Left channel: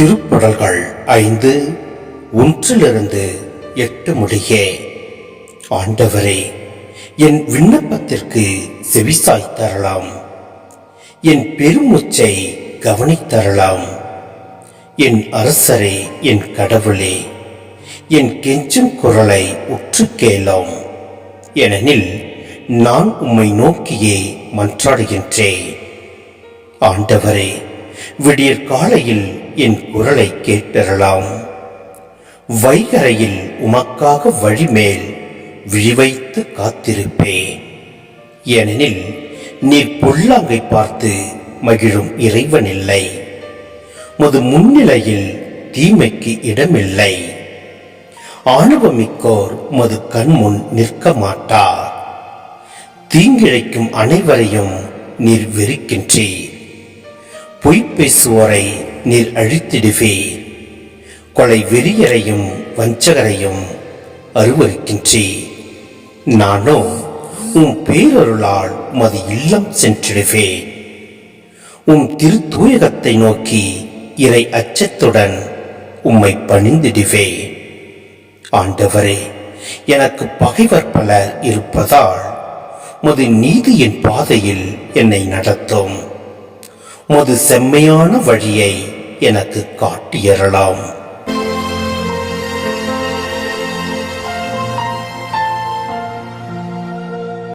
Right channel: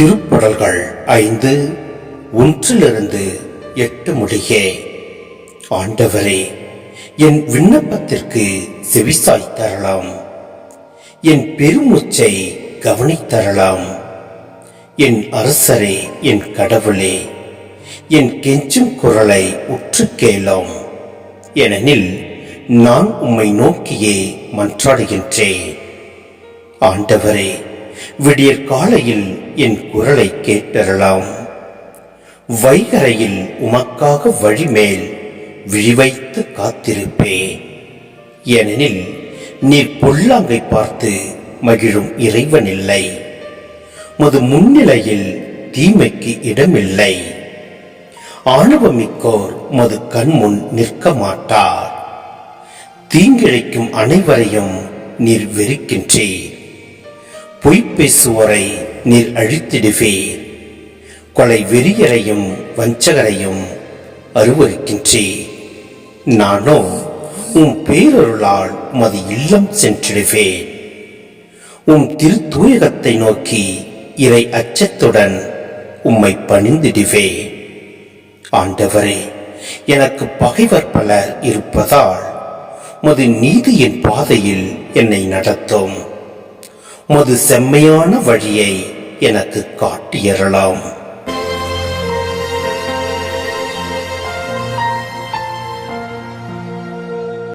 திருப்பாடல்கள் 5 1-8 முடியே. ஆண்டவரே, என் விண்ணப்பத்திற்கு செவிசாய் தரலாம். என் பெருமூச்சை கவனித்தரலாம். என் அரசரே, என் கடவுளே, என் கெஞ்சும் குரலை உற்று கேளாம். ஏனெனில் நான் உம்மை நோக்கியே மன்றாடுகின்றேன். ஆண்டவரே, விடியற் காலையில் என் குரலை கேட்டறலாம். வைகரையில் உமக்காக வழிமேல் விழிவைத்து காத்திருப்பேன். ஏனெனில் நீர் பொல்லாங்கை பார்த்து மகிழும் இறைவனில்லை. முது முன்னிலையில் தீமைக்கு இடமில்லை. ஆணவமிக்கோர் மது கண்முன் நிற்க மாட்டார். தீங்கிழைக்கும் அனைவரையும் நீர் வெறுக்கின்றீர். பொய் பேசுவோரை நீர் அழித்திடுவீர். கொலை வெறியரையும் வஞ்சகரையும் அருவருக்கின்றீர். நானோ உம் பேரருளால் உமது இல்லம் சென்றிடுவேன். உம் திருத்தூயகத்தை நோக்கி இறை அச்சத்துடன் உம்மை பணிந்திடுவேன். ஆண்டவரே, எனக்கு பகைவர் பலர் இருப்பதால் உமது நீதியின் பாதையில் என்னை நடத்தும். உமது செம்மையான வழியை எனக்கு காட்டியறலாம்.